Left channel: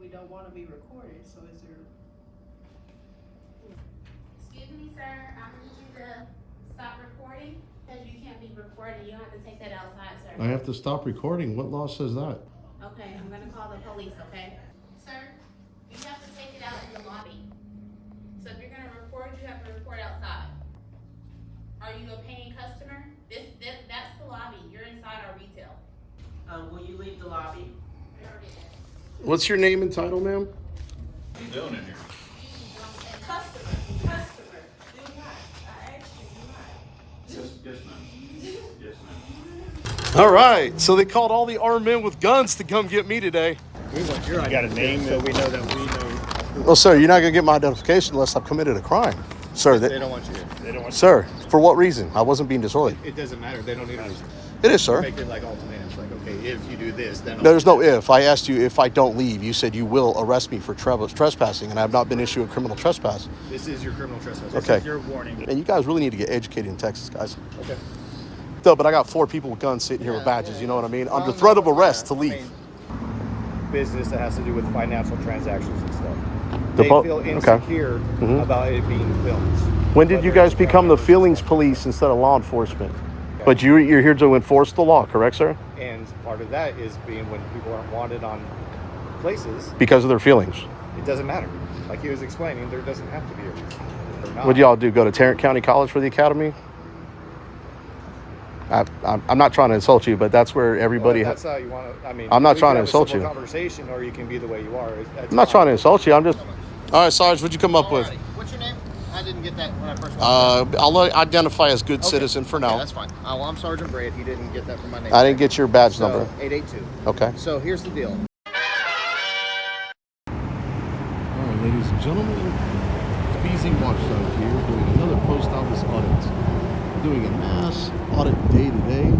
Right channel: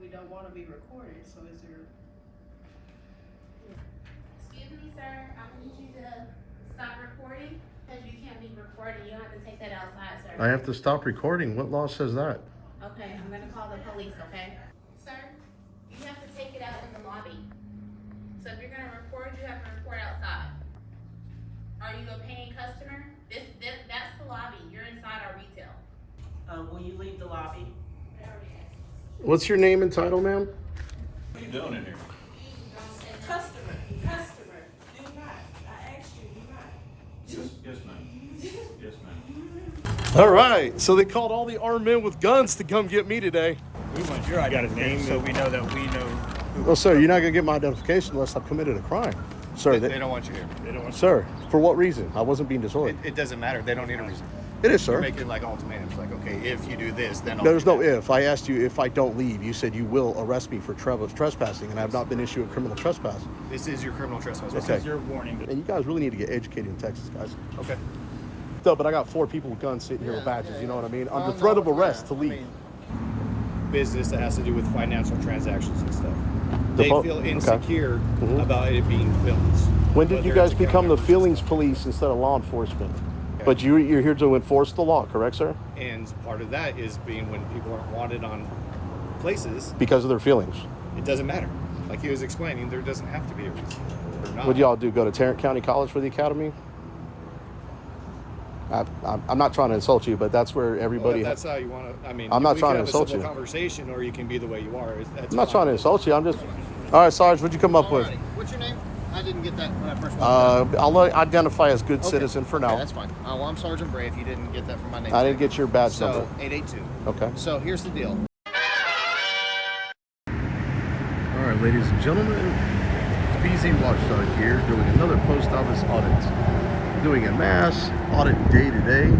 we don't want to be recorded, so is there? Excuse me, sir, I need you to stop recording, because you can't be recording, you have to take that outside, sir. I have to stop recording? What law says that? Okay, I'm gonna call the police, okay? Sir, you have to take it out in the lobby. So if you're gonna record, you have to record outside. Are you a paying customer? That's the lobby, you're inside our retail. Will you leave the lobby? What's your name and title, ma'am? What are you doing in here? Customer, do not. I asked you, do not. Yes, ma'am. Yes, ma'am. All right, so they called all the armed men with guns to come get me today. We want your identity so we know that we know. Well, sir, you're not going to get my identification unless I've committed a crime. Sir, They don't want you here. They don't want sir, for what reason? I wasn't being disorderly. It doesn't matter. They don't need a reason. It is, sir. You're making like ultimatums. Like, okay, if you do this, then There's no if. I asked you if I don't leave. You said you will arrest me for trespassing, and I have not been issued a criminal trespass. This is your criminal trespass. Okay. This is your warning. And you guys really need to get educated in Texas, guys. Okay. No, but I got 4 people with guns sitting here with badges. You know what I mean? Under threat of arrest to leave. Business that has to do with financial transactions and stuff. They feel insecure about it being filmed. When did you Whether guys it's become the cameras and feelings stuff. police instead of law enforcement? Okay. But you're here to enforce the law, correct, sir? And part of that is being when people aren't wanted on places, Because of their feelings. it doesn't matter. Like he was explaining, there doesn't have to be a reason. Or not. What do y'all do? Go to Tarrant County College for the academy? I'm not trying to insult you, but that's where everybody. Well, that's how you want to. I mean, I'm not we trying can to have insult a simple you. Conversation, or you can be the way you are. That's I'm not trying to insult you. I'm just. All right, Sarge, what'd you come up with? What's your name? I didn't get that when I first. I'll identify as good citizen for now. Yeah, that's fine. Well, I'm Sergeant Bray. If you didn't get that from my name, I didn't get your badge so number. 882. Okay. So here's the deal. All right, ladies and gentlemen, BZ Watchdog here, doing another post office audit. Doing a mass audit day today.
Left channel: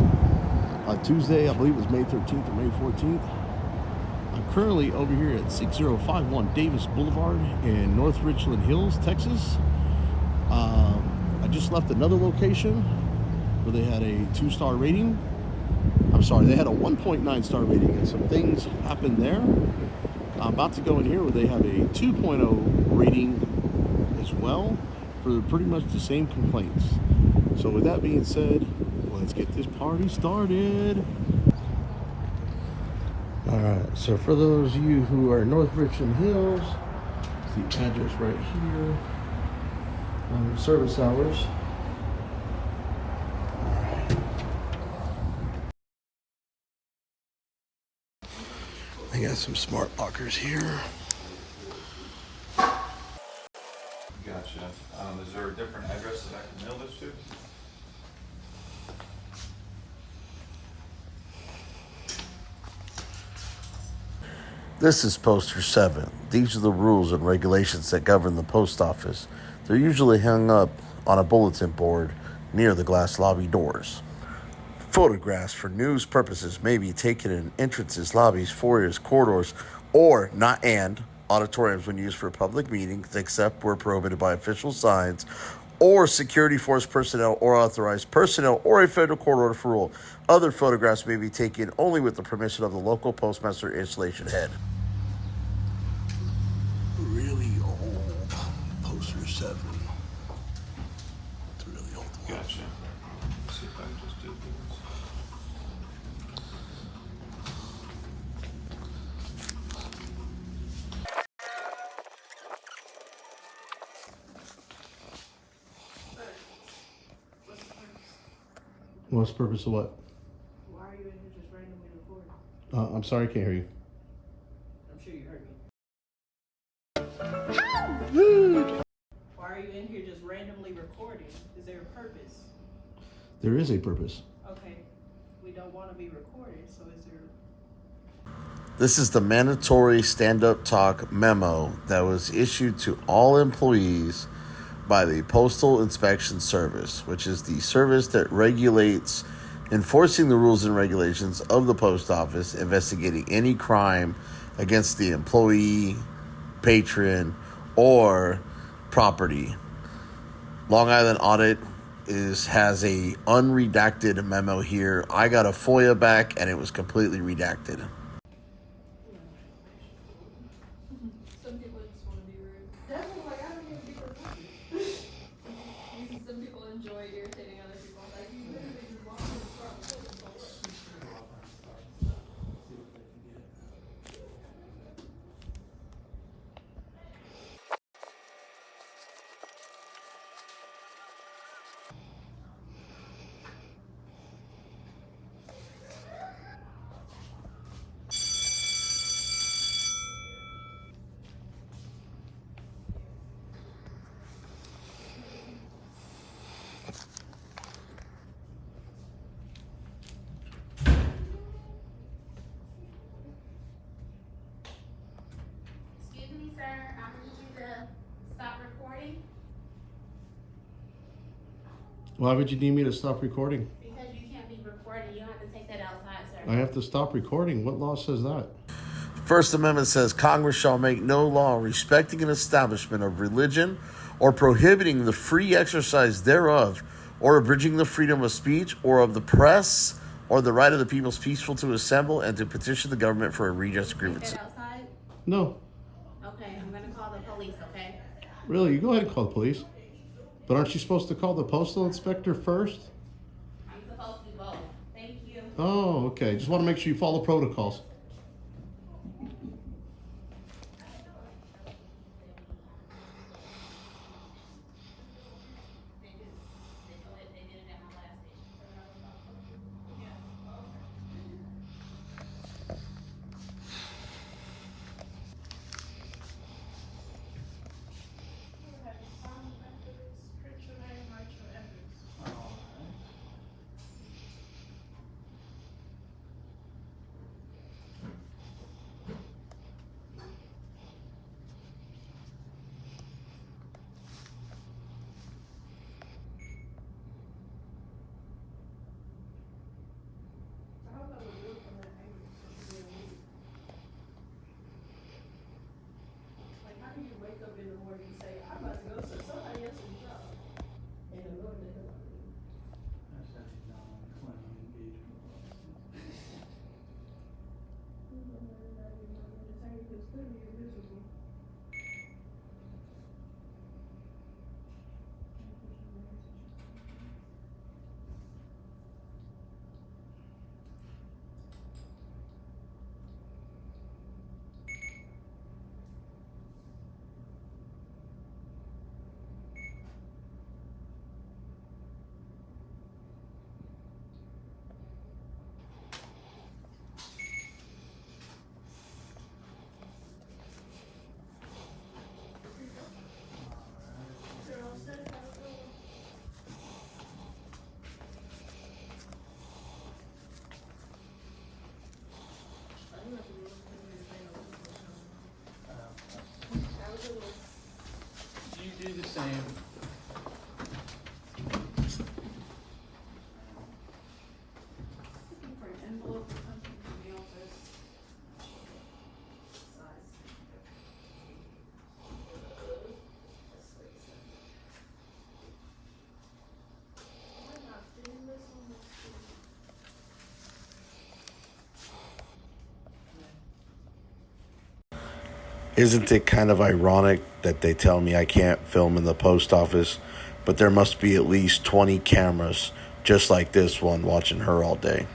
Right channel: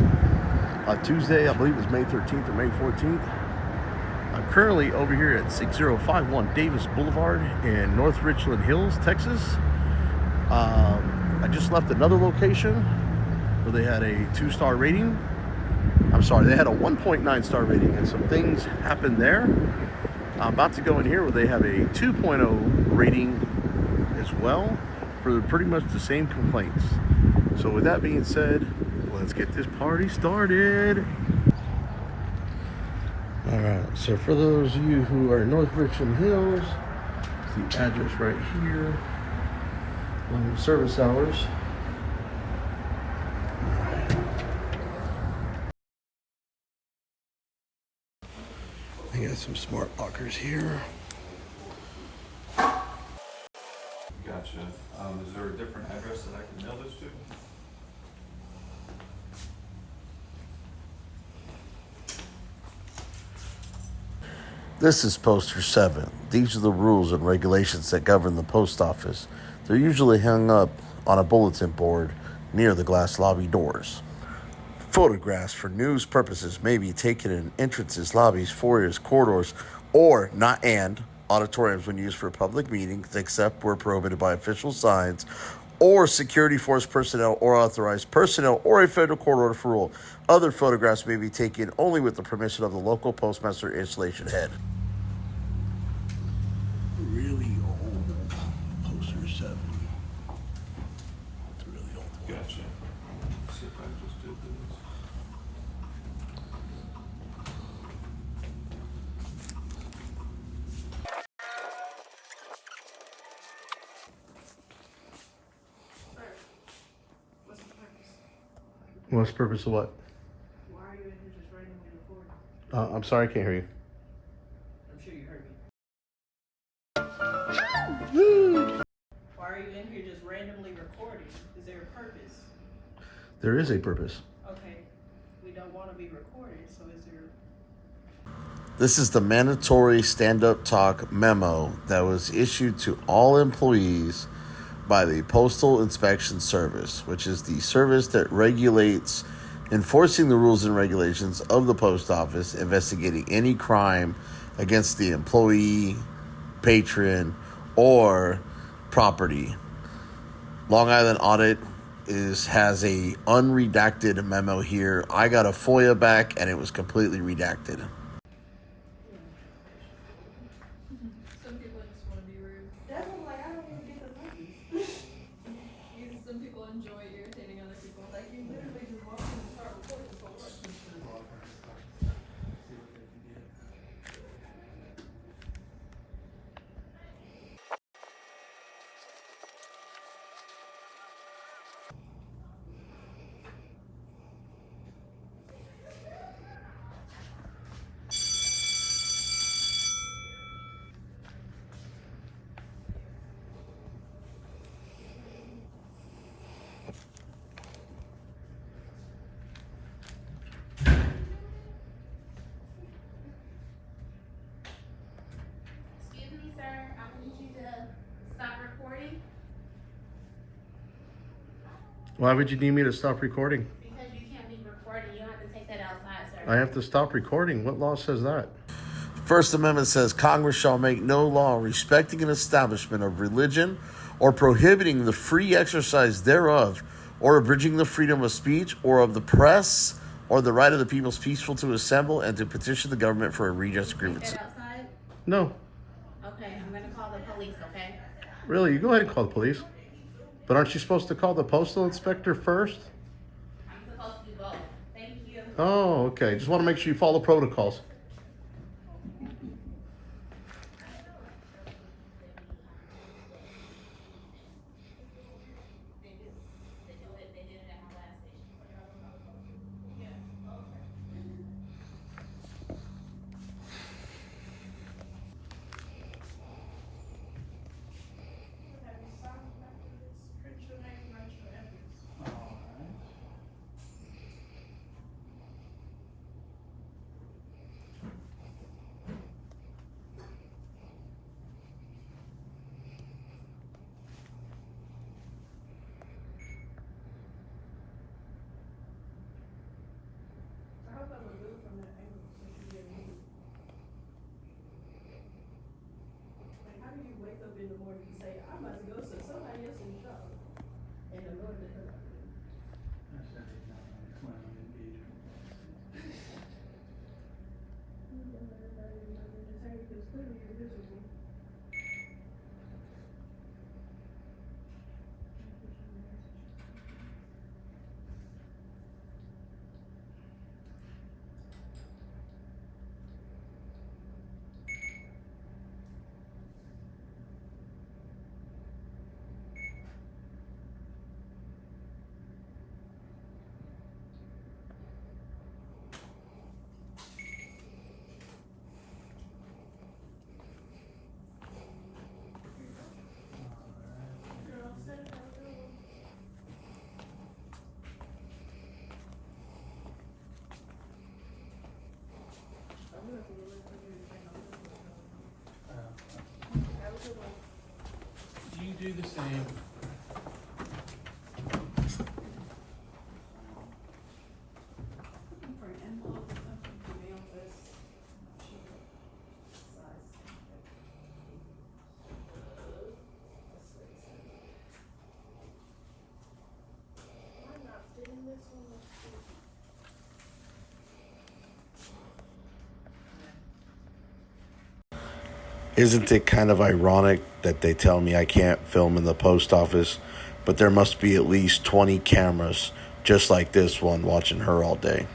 Tuesday, I believe it's May 13th or May 14th. I'm currently over here at 6051 Davis Boulevard in North Richland Hills, Texas. I just left another location where they had a 2-star rating. I'm sorry, they had a 1.9 star rating, and some things happened there. I'm about to go in here where they have a 2.0 rating as well for pretty much the same complaints. So with that being said, let's get this party started. All right, so for those of you who are in North Richland Hills, the address right here, service hours. I got some smart lockers here. Gotcha. Is there a different address that I can mail this to? This is Poster 7. These are the rules and regulations that govern the post office. They're usually hung up on a bulletin board near the glass lobby doors. Photographs for news purposes may be taken in entrances, lobbies, foyers, corridors, or auditoriums when used for public meetings, except where prohibited by official signs or security force personnel or authorized personnel or a federal court order for rule. Other photographs may be taken only with the permission of the local postmaster installation head. Really old Poster 7. It's a really old one. Gotcha. Let's see if I can just do this. What's the purpose of what? Why are you in here just randomly recording? I'm sorry, I can't hear you. I'm sure you heard me. Why are you in here just randomly recording? Is there a purpose? There is a purpose. Okay, we don't want to be recorded, so is there? This is the mandatory stand-up talk memo that was issued to all employees by the Postal Inspection Service, which is the service that regulates enforcing the rules and regulations of the post office, investigating any crime against the employee, patron, or property. Long Island Audit has a unredacted memo here. I got a FOIA back and it was completely redacted. Some people just want to be rude. That's what I'm like, I don't even get the money. Some people enjoy irritating other people. Like, you literally just walk in the car with questions. Excuse me, sir, I need you to stop recording Why would you need me to stop recording? because you can't be recording. You have to take that outside, sir. I have to stop recording. What law says that? First Amendment says Congress shall make no law respecting an establishment of religion or prohibiting the free exercise thereof or abridging the freedom of speech or of the press or the right of the people's peaceful to assemble and to petition the government for a redress Take grievance. that outside? No. Okay, I'm gonna call the police, okay? Really? You go ahead and call the police. But aren't you supposed to call the postal inspector first? I'm supposed to do both. Thank you. Oh, okay. Just want to make sure you follow protocols. They did it at my last station. Yeah. Like, how do you wake up in the morning and say, I'm about to go to somebody else's job? And the Lord the hell out of me. Because clearly you're miserable. You do the same. Looking for an envelope or something to mail this. Isn't it kind of ironic that they tell me I can't film in the post office, but there must be at least 20 cameras just like this one watching her all day?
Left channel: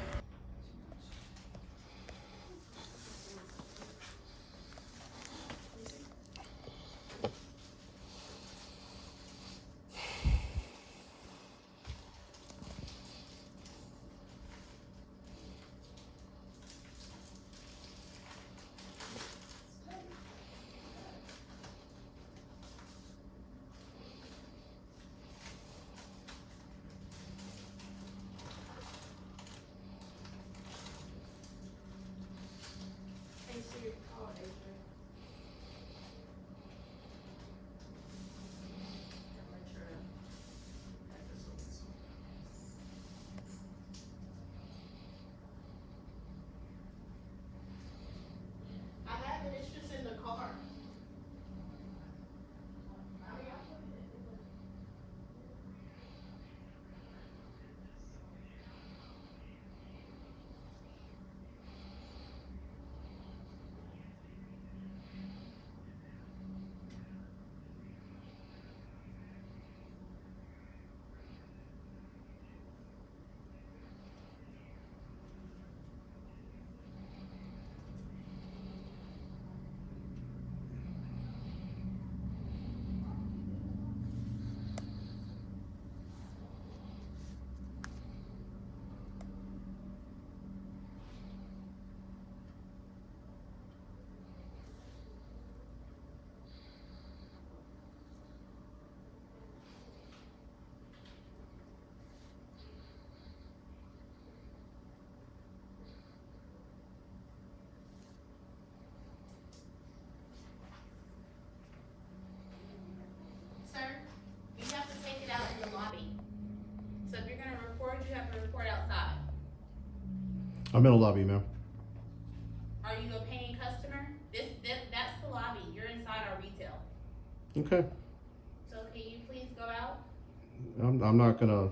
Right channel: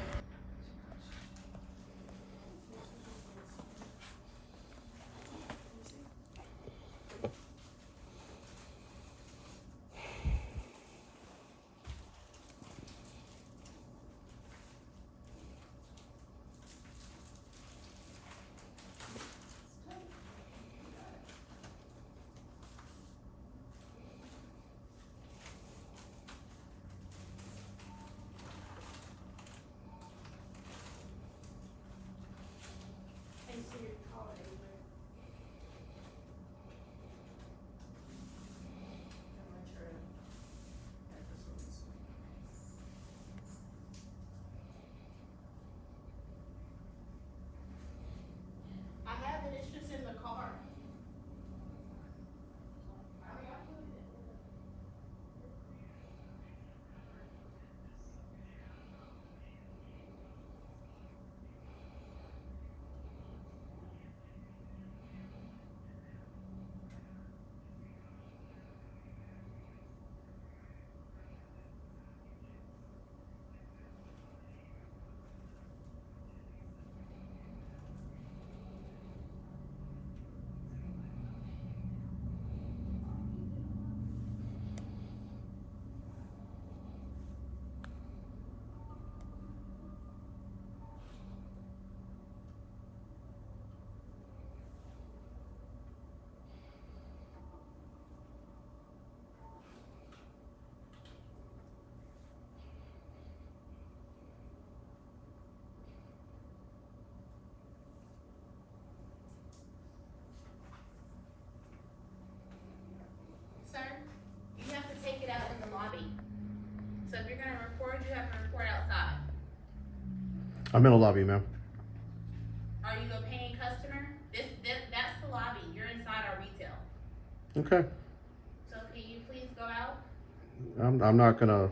I'm in a lobby, ma'am. Are you a paying customer? That's the lobby. You're inside our retail. Okay. So can you please go out? I'm not gonna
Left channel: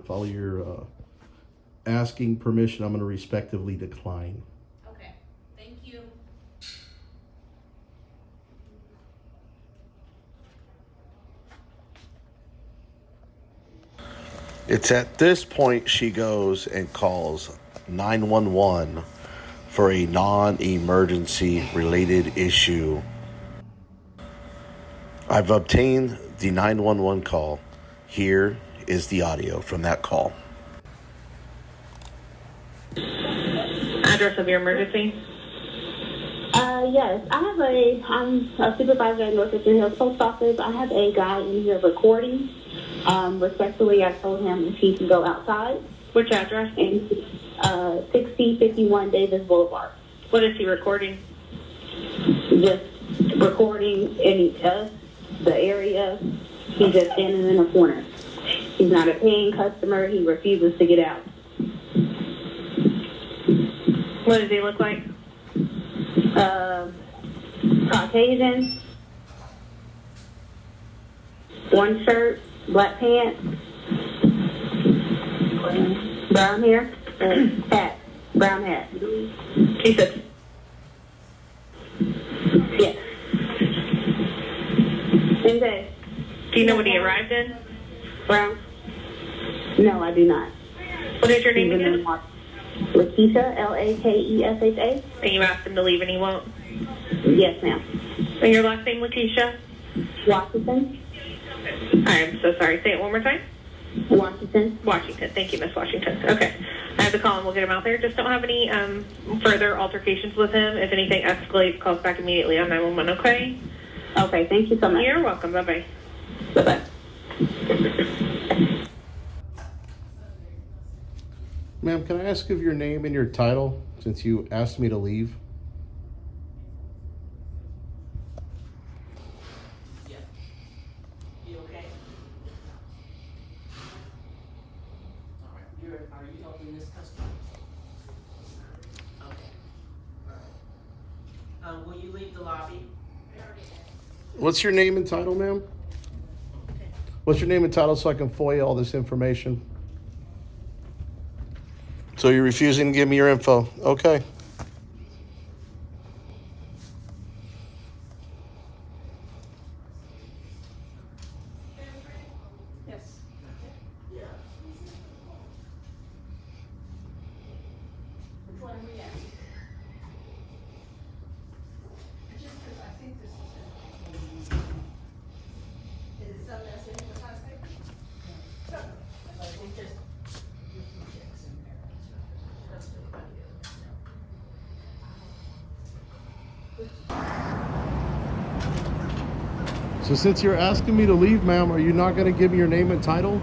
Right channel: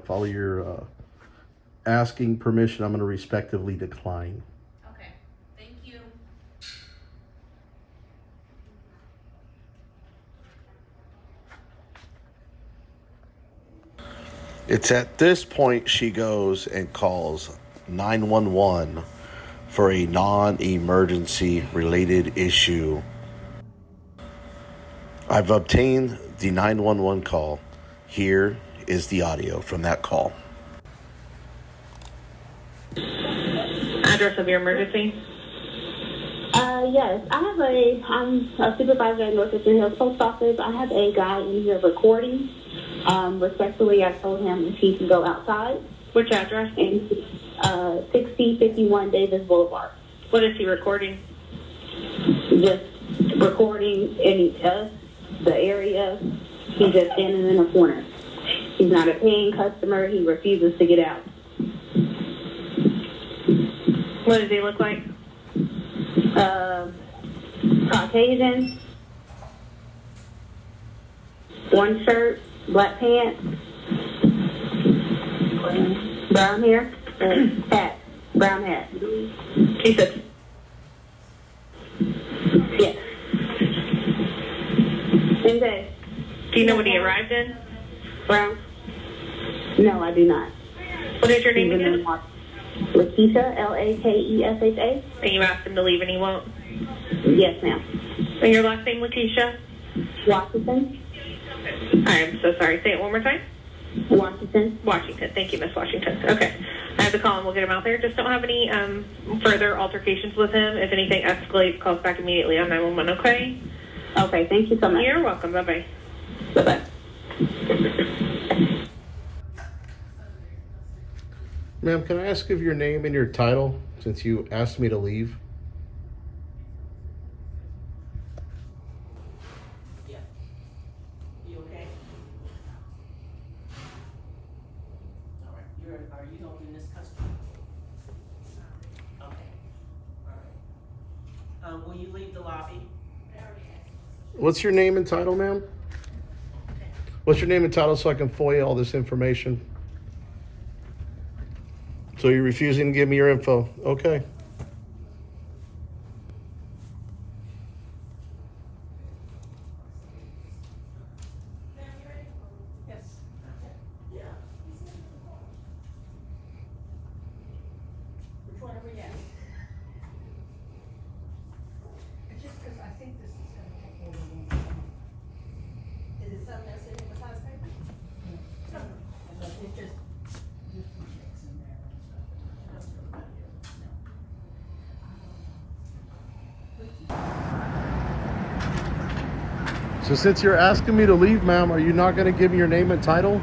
follow your asking permission. I'm gonna respectively decline. Okay. Thank you. It's at this point she goes and calls 911 for a non-emergency related issue. I've obtained the 911 call. Here is the audio from that call. Address of your emergency? Yes, I'm a supervisor at North Richland Hills Post Office. I have a guy in here recording. Respectfully, I told him if he can go outside. Which address? And 6051 Davis Boulevard. What is he recording? Just recording the area. He's just standing in a corner. He's not a paying customer. He refuses to get out. What does he look like? Caucasian. One shirt, black pants, brown hair, hat, brown hat. He said, yes. Same day. do you know when he arrived in? Brown? No, I do not. What is your name again? Lakeisha, Lakesha. And you asked him to leave and he won't? Yes, ma'am. And your last name, Lakeisha? Washington. I am so sorry. Say it one more time. Washington. Washington. Thank you, Miss Washington. Okay. I have the call and we'll get him out there. Just don't have any further altercations with him. If anything escalates, call us back immediately on 911, okay? Okay, thank you so much. You're welcome. Bye-bye. Bye-bye. Ma'am, can I ask of your name and your title since you asked me to leave? Yeah. You okay? All right. Are you helping this customer? Okay. Will you leave the lobby? What's your name and title, ma'am? Okay. What's your name and title so I can FOIA all this information? So you're refusing to give me your info. Okay. Yes. Yeah. Which one are we at? Just 'cause I think this is it something that's in the contract? I think there's some checks in there and stuff. So since you're asking me to leave, ma'am, are you not going to give me your name and title?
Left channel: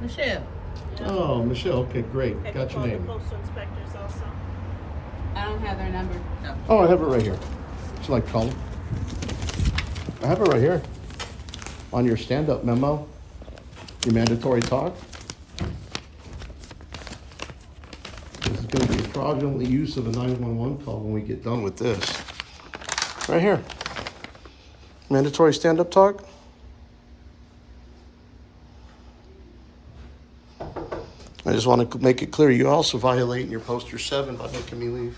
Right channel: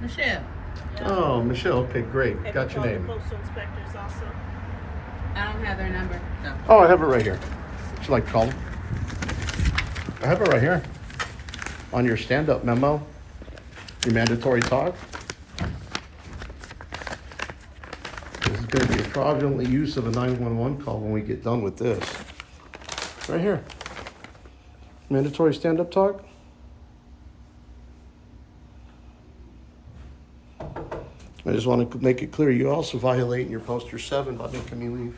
Michelle. Oh, Michelle. Okay, great. Got your name. Postal inspectors also. I don't have their number. No. Oh, I have it right here. Would you like to call them? I have it right here. On your stand-up memo. Your mandatory talk. This is going to be a fraudulent use of a 911 call when we get done with this. Right here. Mandatory stand-up talk. I just want to make it clear, you also violate your poster 7 by making me leave.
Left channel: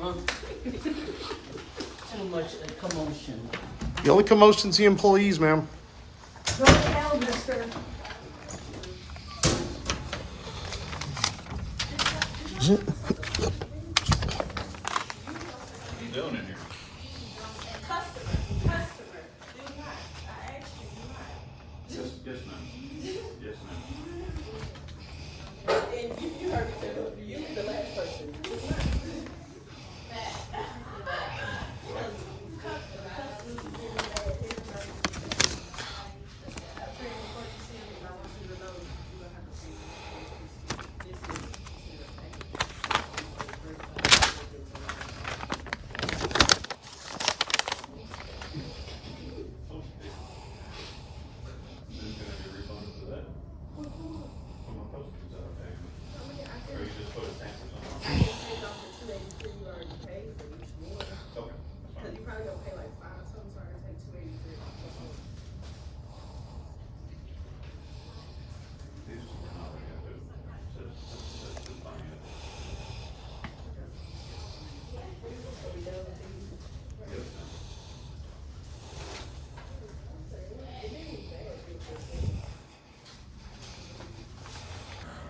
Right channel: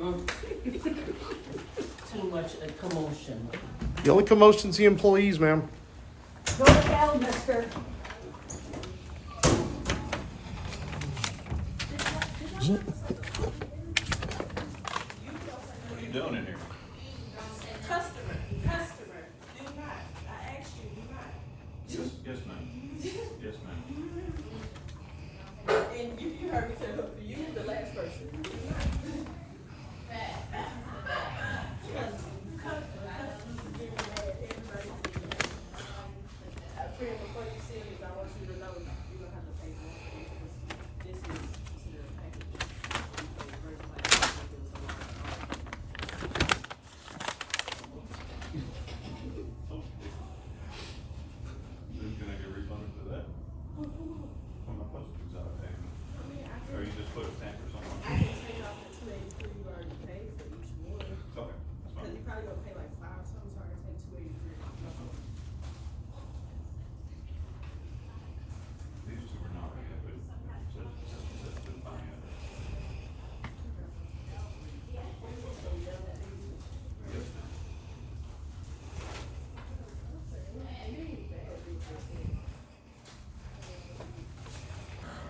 Too much commotion. The only commotion's the employees, ma'am. Go to hell, mister. What are you doing in here? Customer, do not. I asked you, do not. Yes, ma'am. Yes, ma'am. And you heard me say, look, you the last person.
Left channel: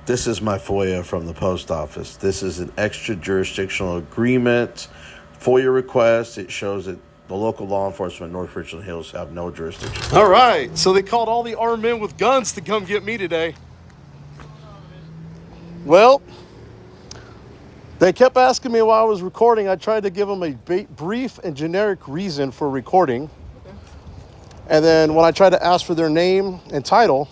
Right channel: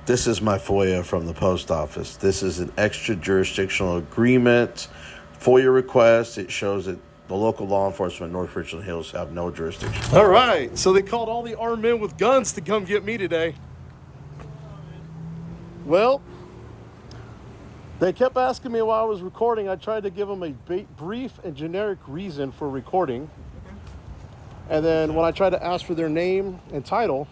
This is my FOIA from the post office. This is an extra jurisdictional agreement FOIA request. It shows that the local law enforcement in North Richland Hills have no jurisdiction. All right, so they called all the armed men with guns to come get me today. Well, they kept asking me while I was recording. I tried to give them a brief and generic reason for recording. And then when I tried to ask for their name and title,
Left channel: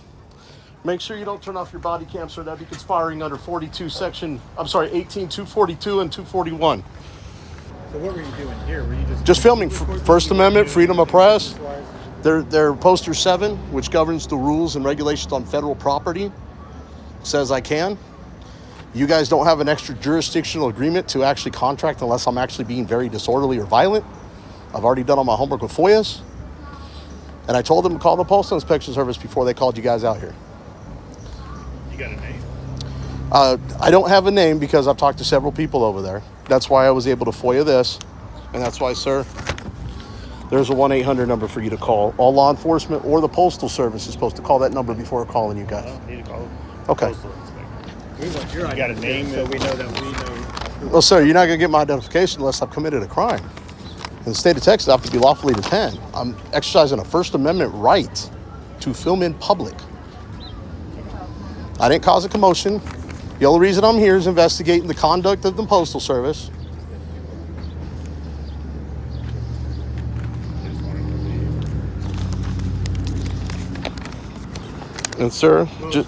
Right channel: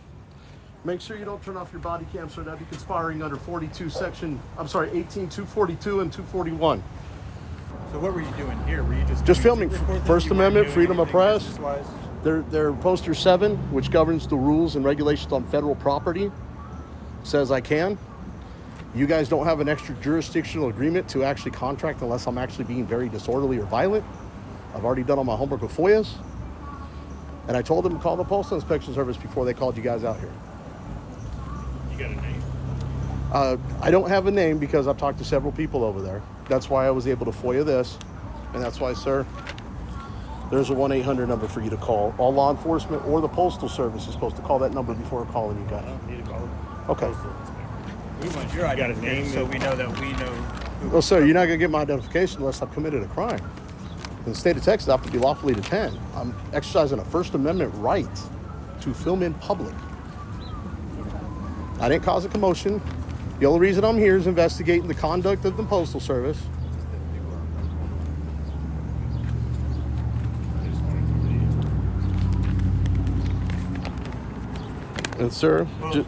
make sure you don't turn off your body cam, sir. That'd be conspiring under 18,242 and 241. So what were you doing here? Were you just filming? First Amendment, freedom of press. Their poster 7, which governs the rules and regulations on federal property, says I can. You guys don't have an extra jurisdictional agreement to actually contract unless I'm actually being very disorderly or violent. I've already done all my homework with FOIAs. And I told them to call the Postal Inspection Service before they called you guys out here. You got a name? I don't have a name because I've talked to several people over there. That's why I was able to FOIA this. And that's why, sir, there's a 1-800 number for you to call. All law enforcement or the Postal Service is supposed to call that number before calling you guys. I don't need to call it. Okay. We want your identity so we know that we know. Well, sir, you're not going to get my identification unless I've committed a crime. In the state of Texas, I have to be lawfully detained. I'm exercising a First Amendment right to film in public. I didn't cause a commotion. The only reason I'm here is investigating the conduct of the Postal Service. And sir, well, the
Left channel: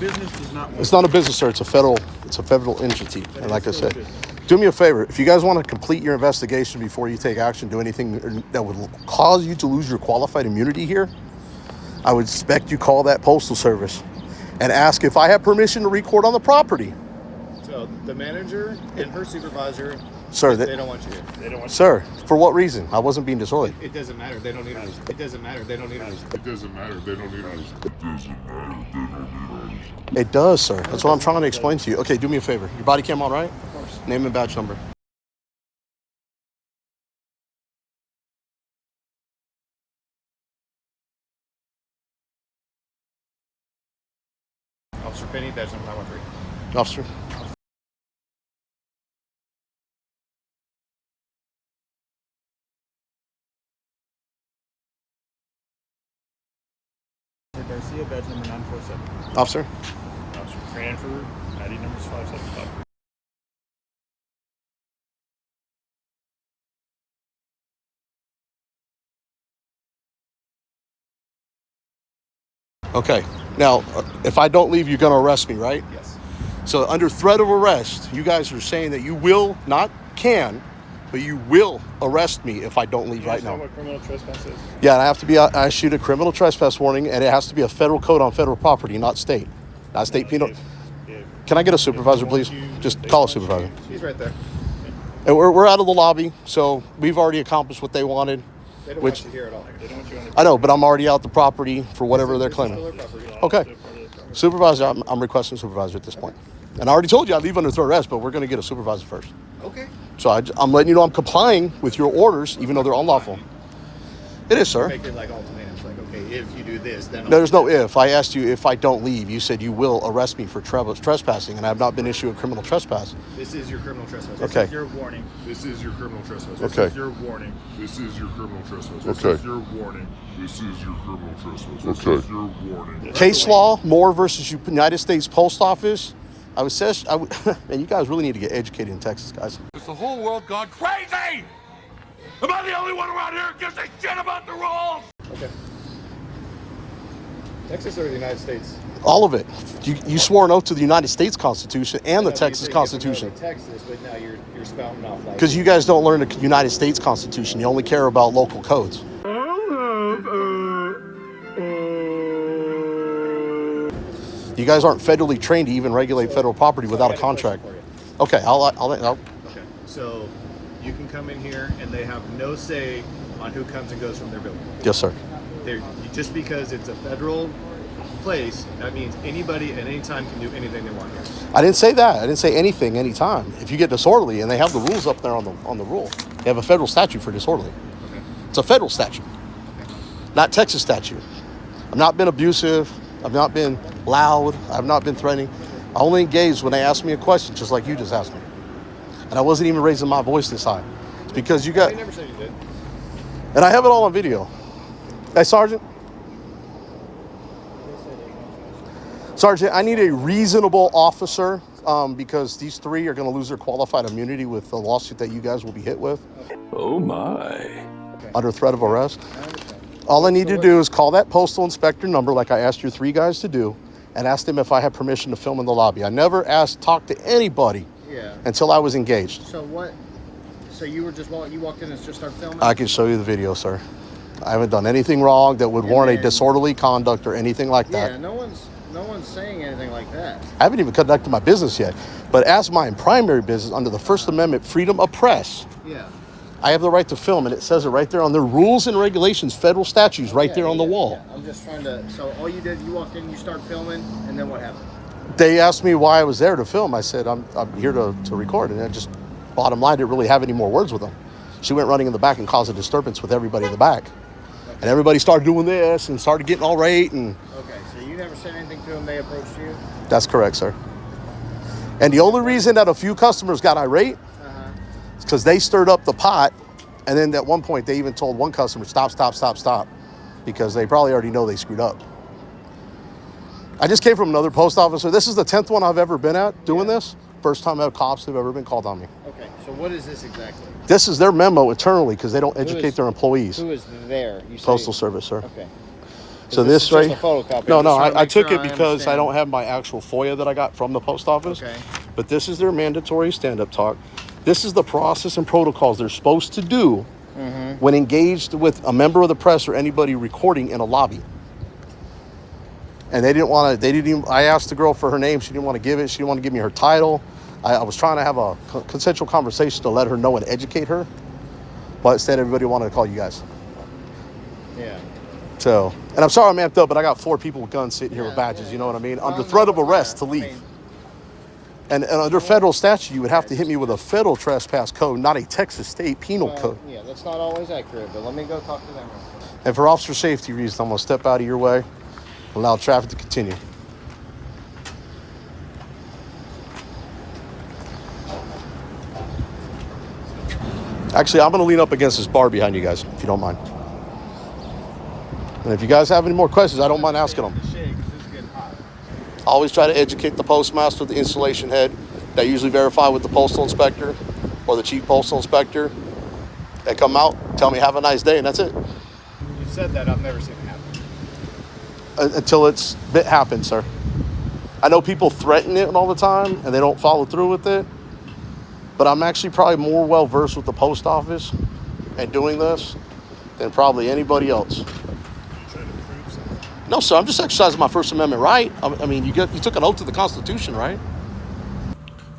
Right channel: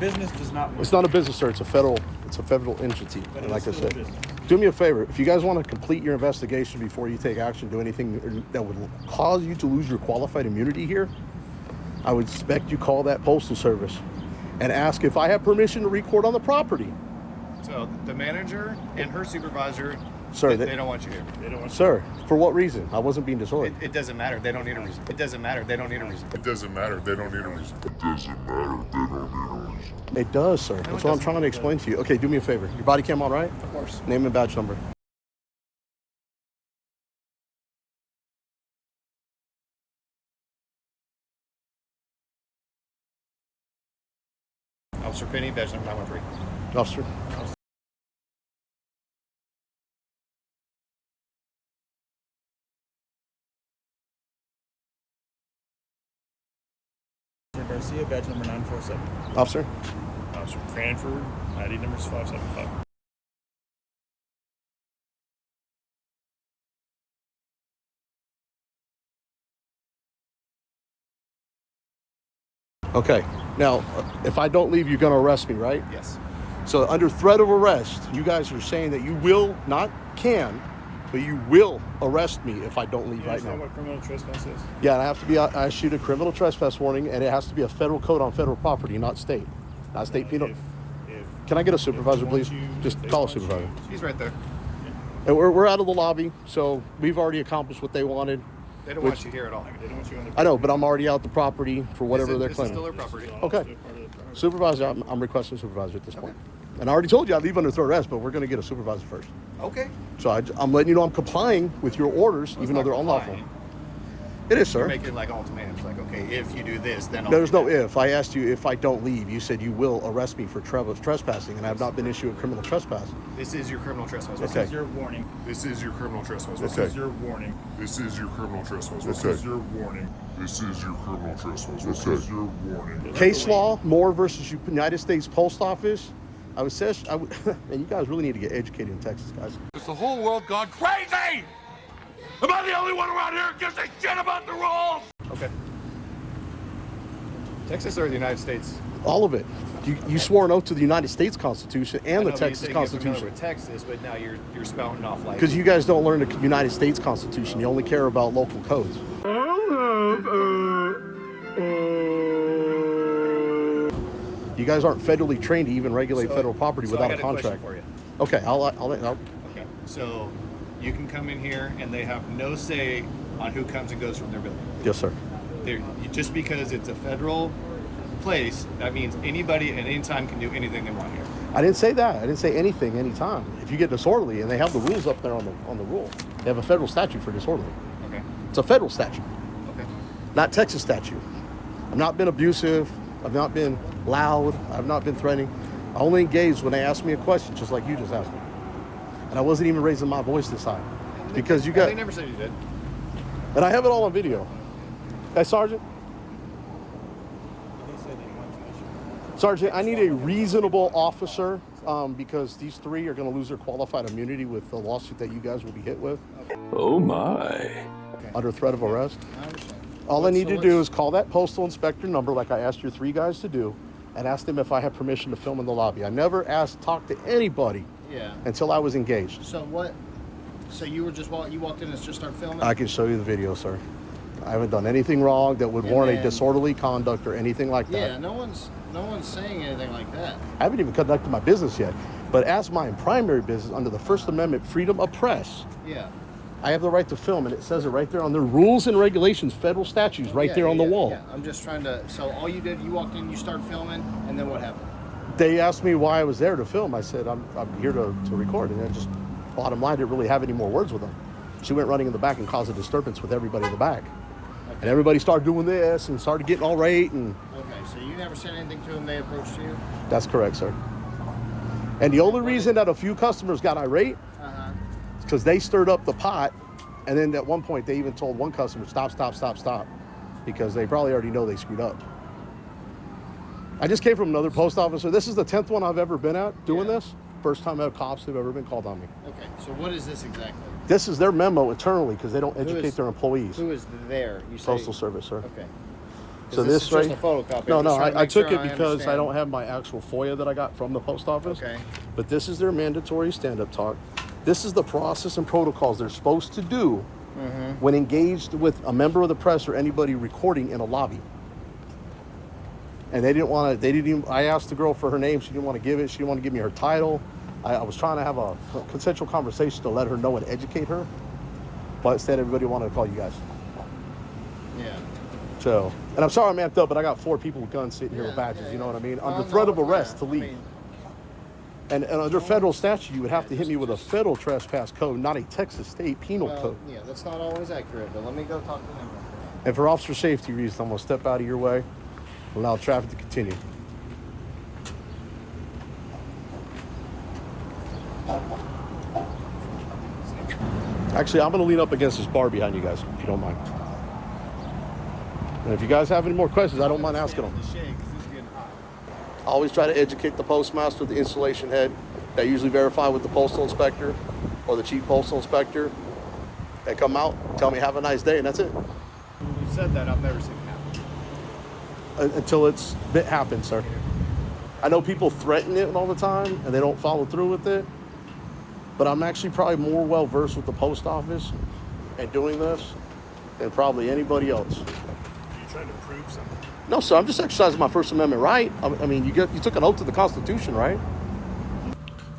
business does not work. It's not a business, sir. It's a federal entity. And like I said, do me a favor. If you guys want to complete your investigation before you take action, do anything that would cause you to lose your qualified immunity here, I would expect you call that Postal Service and ask if I have permission to record on the property. So the manager and her supervisor, sir, they don't want you here. They don't want sir, for what reason? I wasn't being disorderly. It doesn't matter. They don't need a reason. It doesn't matter. They don't need a reason. It doesn't matter. They don't need a reason. It doesn't matter. They don't need a reason. It does, sir. That's what I'm trying to explain to you. Okay, do me a favor. Your body cam all right? Of course. Name and badge number. Officer Penny, badge number 913. Officer. Garcia, badge number 947. Officer. Officer Cranford, ID number is 575. Okay. Now, if I don't leave, you're going to arrest me, right? Yes. So under threat of arrest, you guys are saying that you will, not can, but you will arrest me if I don't leave right now. You know what criminal trespass is? Yeah, I issued a criminal trespass warning, and it has to be a federal code on federal property, not state. Not state penal. Can I get a supervisor, please? Just call a supervisor. She's right there. And we're out of the lobby, so we've already accomplished what they wanted. They don't want you here at all. They don't want you on the I know, but I'm already out the property for whatever they're claiming. Still their property. Okay. Supervisor, I'm requesting supervisor at this point. And I already told you I leave under threat of arrest, but we're going to get a supervisor first. Okay. So I'm letting you know I'm complying with your orders, even though they're unlawful. It is, sir. You're making like ultimatums, like, okay, if you do this, then I'll There's no if. I asked you if I don't leave. You said you will arrest me for trespassing, and I have not been issued a criminal trespass. This is your criminal trespass. Okay. This is your warning. This is your criminal trespass. Okay. This is your warning. This is your criminal trespass. This is your warning. This is your criminal trespass. This is your warning. Case law, Moore versus United States Post Office. Man, you guys really need to get educated in Texas, guys. Has the whole world gone crazy? Am I the only one around here who gives a shit about the rules? Okay. Texas or the United States? All of it. You swore an oath to the United States Constitution and the Texas Constitution. Texas, but now you're spouting off like. Because you guys don't learn the United States Constitution. You only care about local codes. You guys aren't federally trained to even regulate federal property without a contract. Okay, I'll. Okay, so you can come in here and they have no say on who comes and goes from their building. Yes, sir. Just because it's a federal place, that means anybody at any time can do anything they want here. I didn't say that. I didn't say anything anytime. If you get disorderly, and they have the rules up there on the rule, they have a federal statute for disorderly. Okay. It's a federal statute, okay, not Texas statute. I've not been abusive. I've not been loud. I've not been threatening. I only engaged when they asked me a question, just like you just asked me. And I wasn't even raising my voice this high. It's because you got... I never said you did. And I have it all on video. Hey, Sergeant. Sergeant, I need a reasonable officer because these three are going to lose their qualified immunity with the lawsuit that you guys will be hit with. Oh, my. Under threat of arrest. I understand. All I need to do is call that postal inspector number like I asked your three guys to do and ask them if I have permission to film in the lobby. I never talked to anybody until I was engaged. So what? So you were just you walked in and just started filming? I can show you the video, sir. I haven't done anything wrong that would warrant a disorderly conduct or anything like that. Yeah, no one's saying anything like that. I haven't even conducted my business yet. But as my primary business under the First Amendment freedom of press, I have the right to film, and it says it right there on the rules and regulations, federal statutes, right there on the wall. Yeah. I'm just trying to. So all you did, you walked in, you started filming, and then what happened? They asked me why I was there to film. I said I'm here to record, and I just bottom line didn't really have any more words with them. She went running in the back and caused a disturbance with everybody in the back, and everybody started doing this and started getting all right. And okay, so you never said anything to them. They approached you. That's correct, sir. And the only reason that a few customers got irate is because they stirred up the pot. And then at one point, they even told one customer, stop, because they probably already know they screwed up. I just came from another post officer. This is the 10th one I've ever been at doing this. First time that cops have ever been called on me. Okay, so what is this exactly? This is their memo internally because they don't educate their employees. Who is there? You say? Postal Service, sir. Okay. So this right? Just a photocopy. No, I took it because I don't have my actual FOIA that I got from the post office. Okay. But this is their mandatory stand-up talk. This is the process and protocols they're supposed to do when engaged with a member of the press or anybody recording in a lobby. And I asked the girl for her name. She didn't want to give it. She didn't want to give me her title. I was trying to have a consensual conversation to let her know and educate her. But instead, everybody wanted to call you guys. Yeah. So, and I'm sorry I'm amped up, but I got 4 people with guns sitting here with badges, you know what I mean? Under threat of arrest to leave. And under federal statute, you would have to hit me with a federal trespass code, not a Texas state penal code. Yeah, that's not always accurate, but let me go talk to them. And for officer safety reasons, I'm going to step out of your way, allow traffic to continue. Actually, I'm going to lean up against this bar behind you guys, if you don't mind. And if you guys have any more questions, I don't mind asking them. I always try to educate the postmaster, the installation head. They usually verify with the postal inspector or the chief postal inspector. They come out, tell me have a nice day, and that's it. You said that. I've never seen it happen. Until it happens, sir. I know people threaten it all the time, and they don't follow through with it. But I'm actually probably more well-versed with the post office and doing this than probably anybody else. Are you trying to prove something? No, sir, I'm just exercising my First Amendment right. I mean, you took an oath to the Constitution, right?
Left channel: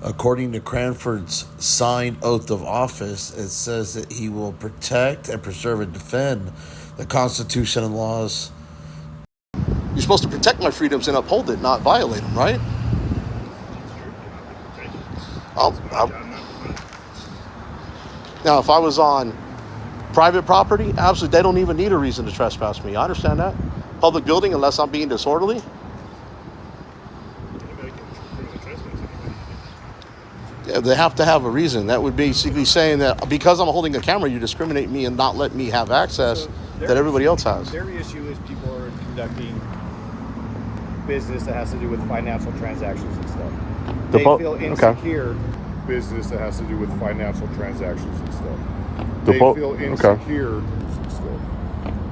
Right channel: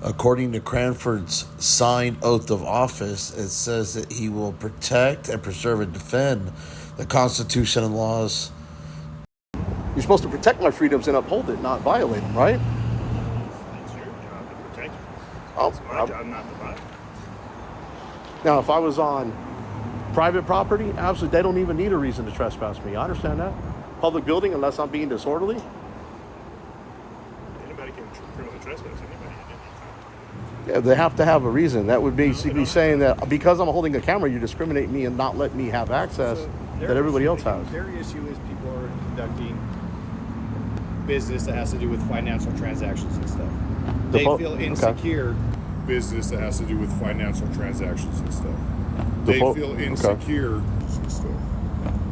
According to Cranford's signed oath of office, it says that he will protect and preserve and defend the Constitution and laws. You're supposed to protect my freedoms and uphold it, not violate them, right? It's your job to protect it. Oh, It's my job not to violate. Now, if I was on private property, absolutely, they don't even need a reason to trespass me. I understand that. Public building, unless I'm being disorderly. Anybody can criminally trespass anybody at any time. Yeah, they have to have a reason. That would basically saying that because I'm holding a camera, you discriminate me and not let me have access that everybody else has. Their issue is people are conducting business that has to do with financial transactions and stuff. They feel insecure. Business that has to do with financial transactions and stuff. They feel insecure and stuff.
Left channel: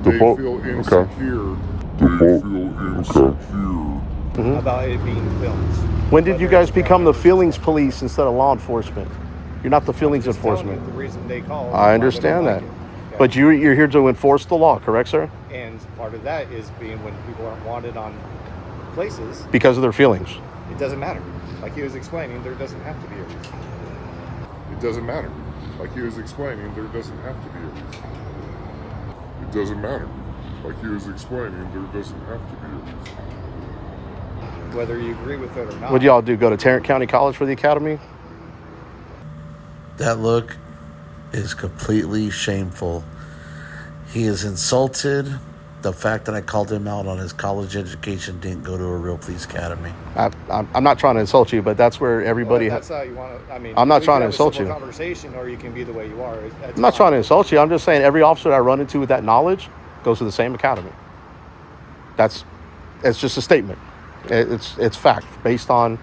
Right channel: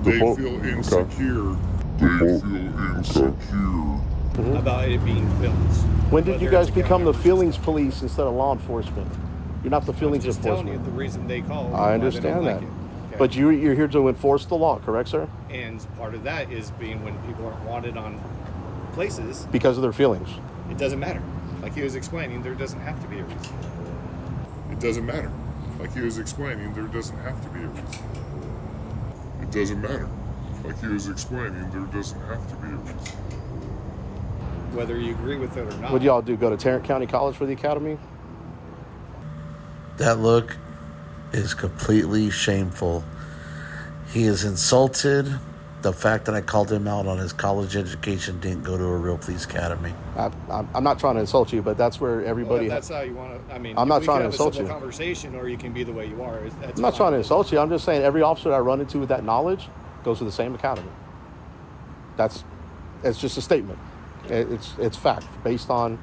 They feel insecure. They feel insecure. About it being filmed. When did you guys become the feelings police instead of law enforcement? You're not the feelings I'm just telling enforcement. you the reason they call. I understand that. But you're here to enforce the law, correct, sir? And part of that is being when people aren't wanted on places. Because of their feelings. It doesn't matter. Like he was explaining, there doesn't have to be a reason. It doesn't matter. Like he was explaining, there doesn't have to be a reason. It doesn't matter. Like he was explaining, there doesn't have to be a reason. Whether you agree with it or not. What do y'all do? Go to Tarrant County College for the academy? That look is completely shameful. He is insulted The fact that I called him out on his college education didn't go to a real police academy. I'm not trying to insult you, but that's where everybody. Well, if that's how you want to. I mean, I'm not we trying can to have a insult civil you. Conversation, or you can be the way you are. That's I'm not fine. trying to insult you. I'm just saying every officer that I run into with that knowledge goes to the same academy. It's just a statement. It's fact based on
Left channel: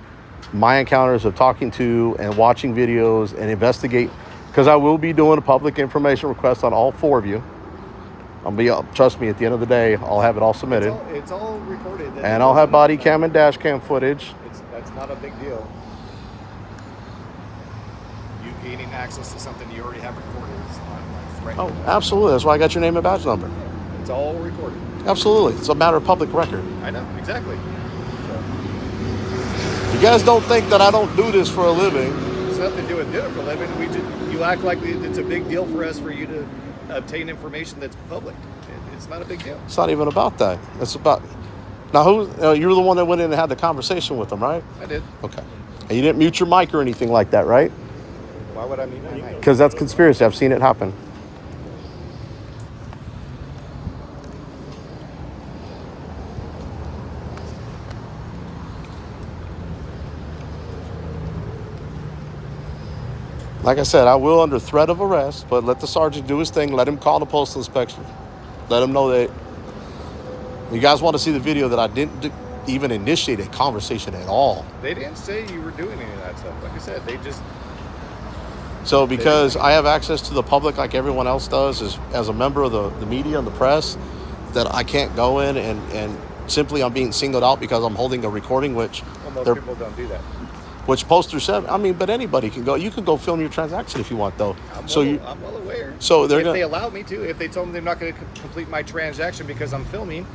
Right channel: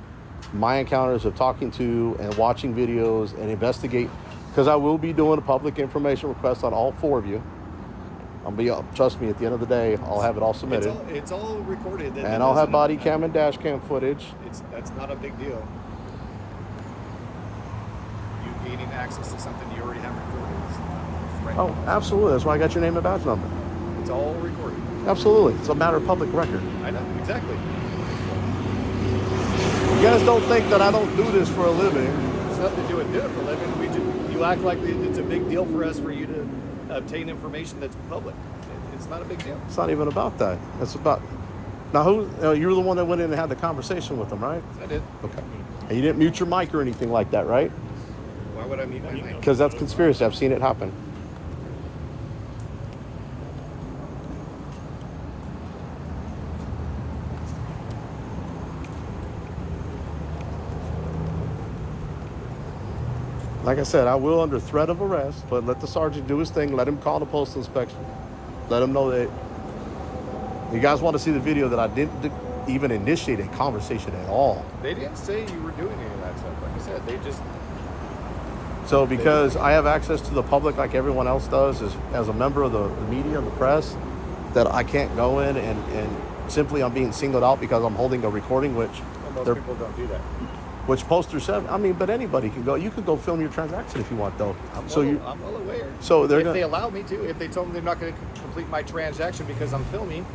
my encounters of talking to and watching videos and investigate. Because I will be doing a public information request on all 4 of you. Trust me, at the end of the day, I'll have it all submitted. It's all recorded. And I'll have body cam and dash cam footage. That's not a big deal. You gaining access to something you already have recorded is not like threatening. Oh, absolutely. That's why I got your name and badge number. It's all recorded. Absolutely. It's a matter of public record. I know, exactly. You guys don't think that I don't do this for a living. It's nothing to do with doing it for a living. You act like it's a big deal for us for you to obtain information that's public. It's not a big deal. It's not even about that. It's about... Now, you're the one that went in and had the conversation with them, right? I did. Okay. And you didn't mute your mic or anything like that, right? Why would I mute my mic? Because that's conspiracy. I've seen it happen. Like I said, I will under threat of arrest, but let the sergeant do his thing. Let him call the postal inspection. Let him know that you guys want to see the video that I didn't even initiate a conversation at all. They didn't say you were doing any of that stuff. Like I said, they just... So because I have access to the public like everyone else does, as a member of the media and the press, that I can't go in and simply I'm being singled out because I'm holding a recording, which... Well, most people don't do that. Which Poster 7, but anybody can go. You can go film your transaction if you want, though. I'm well aware. So if they allow me to, if they told me they're not going to complete my transaction because I'm filming,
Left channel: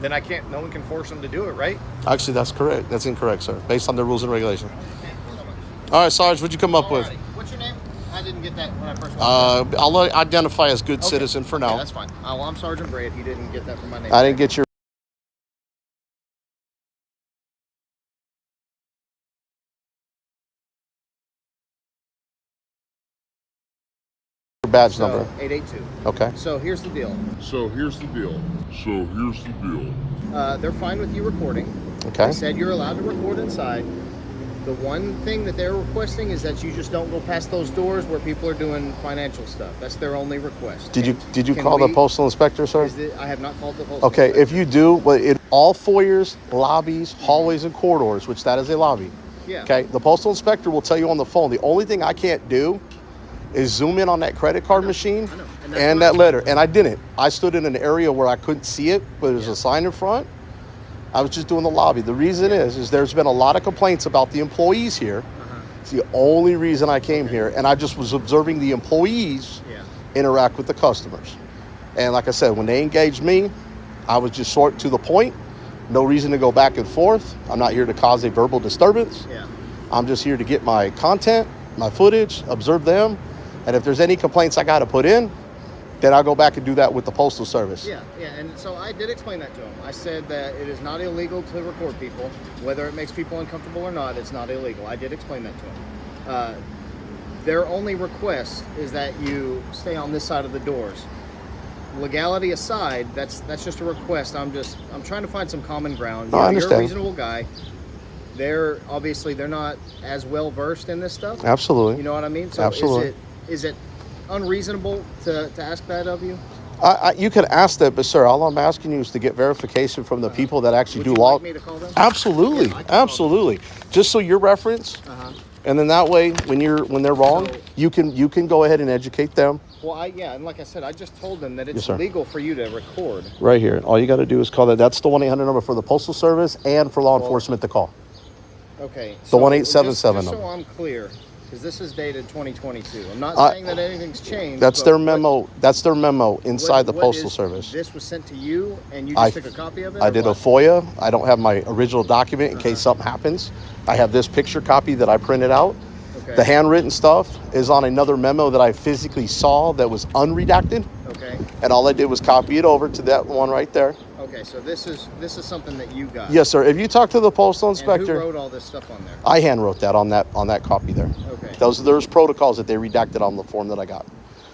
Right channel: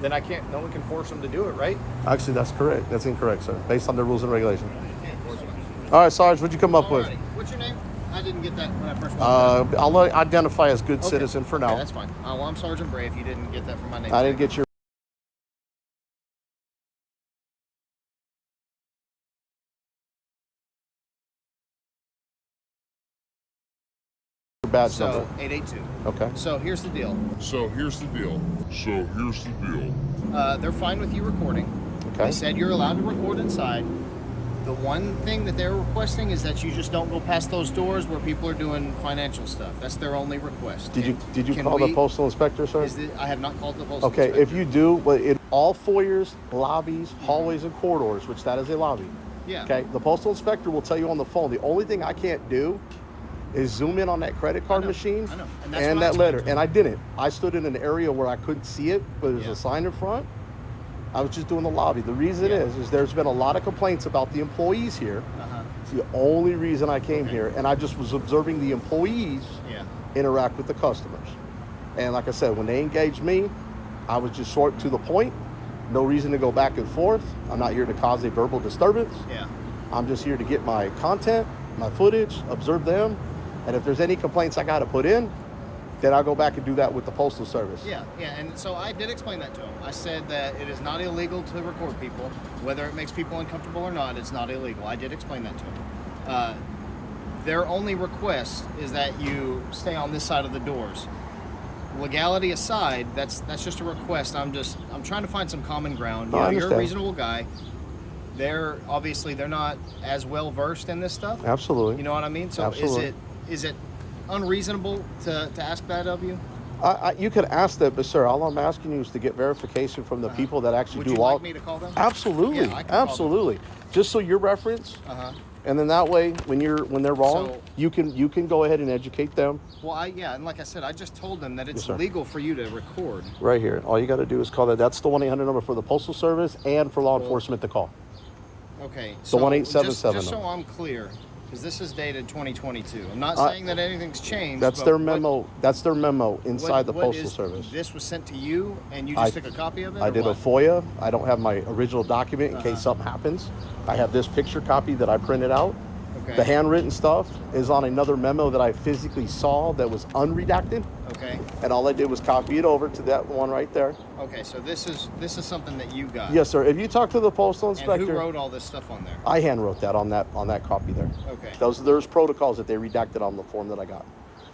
then I can't. No one can force them to do it, right? Actually, that's correct. That's incorrect, sir. Based on the rules and regulations. All right, Sarge, what'd you come up with? What's your name? I didn't get that when I first walked in. I'll identify as good citizen for now. Okay, that's fine. Well, I'm Sergeant Bray. If you didn't get that from my name, I didn't get your badge number. 882. Okay. So here's the deal. They're fine with you recording. Okay. They said you're allowed to record inside. The one thing that they're requesting is that you just don't go past those doors where people are doing financial stuff. That's their only request. Did you call the postal inspector, sir? I have not called the postal Okay, inspector. if you do, well, in all foyers, lobbies, hallways, and corridors, which that is a lobby. Yeah. Okay, the postal inspector will tell you on the phone. The only thing I can't do is zoom in on that credit card machine I know. and that letter. And I didn't. I stood in an area where I couldn't see it, but there's a sign in front. I was just doing the lobby. The reason is there's been a lot of complaints about the employees here. It's the only reason I came here, and I just was observing the employees interact with the customers. And like I said, when they engaged me, I was just short to the point. No reason to go back and forth. I'm not here to cause a verbal disturbance. I'm just here to get my content, my footage, observe them, and if there's any complaints I got to put in, then I'll go back and do that with the Postal Service. Yeah, and so I did explain that to him. I said that it is not illegal to record people. Whether it makes people uncomfortable or not, it's not illegal. I did explain that to him. Their only request is that you stay on this side of the doors. Legality aside, that's just a request. I'm trying to find some common ground. I You're a understand. reasonable guy. They're not as well versed in this stuff. Absolutely. You know what I mean? So Absolutely. is it unreasonable to ask that of you? You can ask that, but sir, all I'm asking you is to get verification from the people that actually do Would you law. like me to call them? Absolutely, Yeah, I can call them. absolutely. Just so your reference, and then that way, when they're wrong, So- you can go ahead and educate them. Well, and like I said, I just told them that Yes, it's sir. legal for you to record. Right here. All you got to do is call that. That's the 1-800 number for the Postal Service and for law enforcement to call. Okay. The so 1877 Just so number. I'm clear, because this is dated 2022. I'm not I- saying that anything's changed. That's but their what- memo. That's their memo inside the what Postal is- Service. This was sent to you, and you just took a copy of it. I or did a what? FOIA. I don't have my original document in case something happens. I have this picture copy that I printed out. Okay. The handwritten stuff is on another memo that I physically saw that was unredacted. Okay. And all I did was copy it over to that one right there. Okay. So this is something that you got. Yes, sir. If you talk to the postal And inspector, who wrote all this stuff on there? I hand wrote that on that copy there. Okay. There's protocols that they redacted on the form that I got.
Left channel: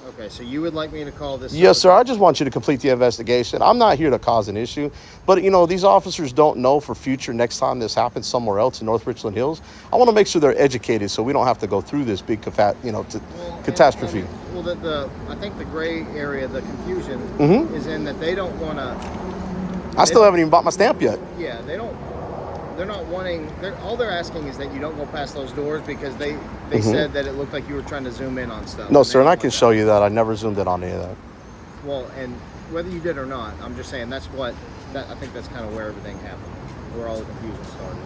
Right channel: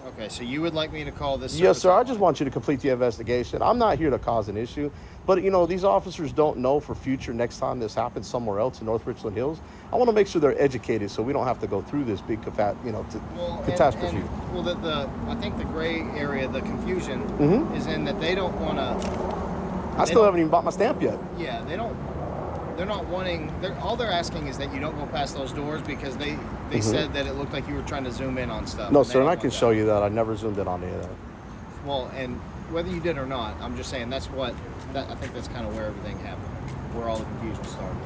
Okay, so you would like me to call this? Yes, sir. I just want you to complete the investigation. I'm not here to cause an issue, but you know, these officers don't know for future next time this happens somewhere else in North Richland Hills. I want to make sure they're educated so we don't have to go through this big catastrophe. I think the gray area, the confusion is in that they don't want to. I still haven't even bought my stamp yet. Yeah, they're not wanting. All they're asking is that you don't go past those doors because they said that it looked like you were trying to zoom in on stuff. No, sir, and I can show you that. I never zoomed in on any of that. Well, and whether you did or not, I'm just saying I think that's kind of where everything happened, where all the confusion started.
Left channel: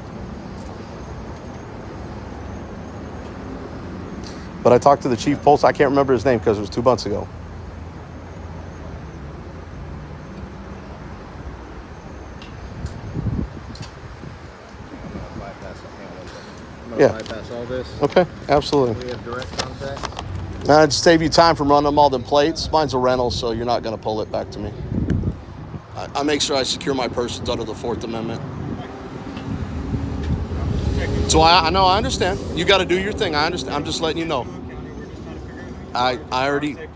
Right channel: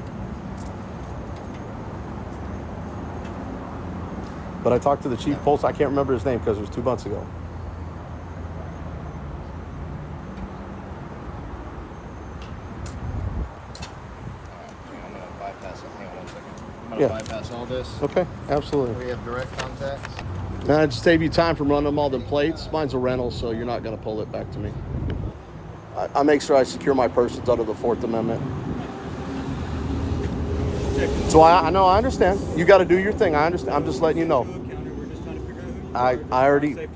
But I talked to the chief post. I can't remember his name because it was 2 months ago. Bypass all this. Okay, absolutely. We have direct contact. Just save you time from running them all the plates. Mine's a rental, so you're not going to pull it back to me. I make sure I secure my persons under the 4th Amendment. So I know, I understand. You got to do your thing. I understand. I'm just letting you know. I already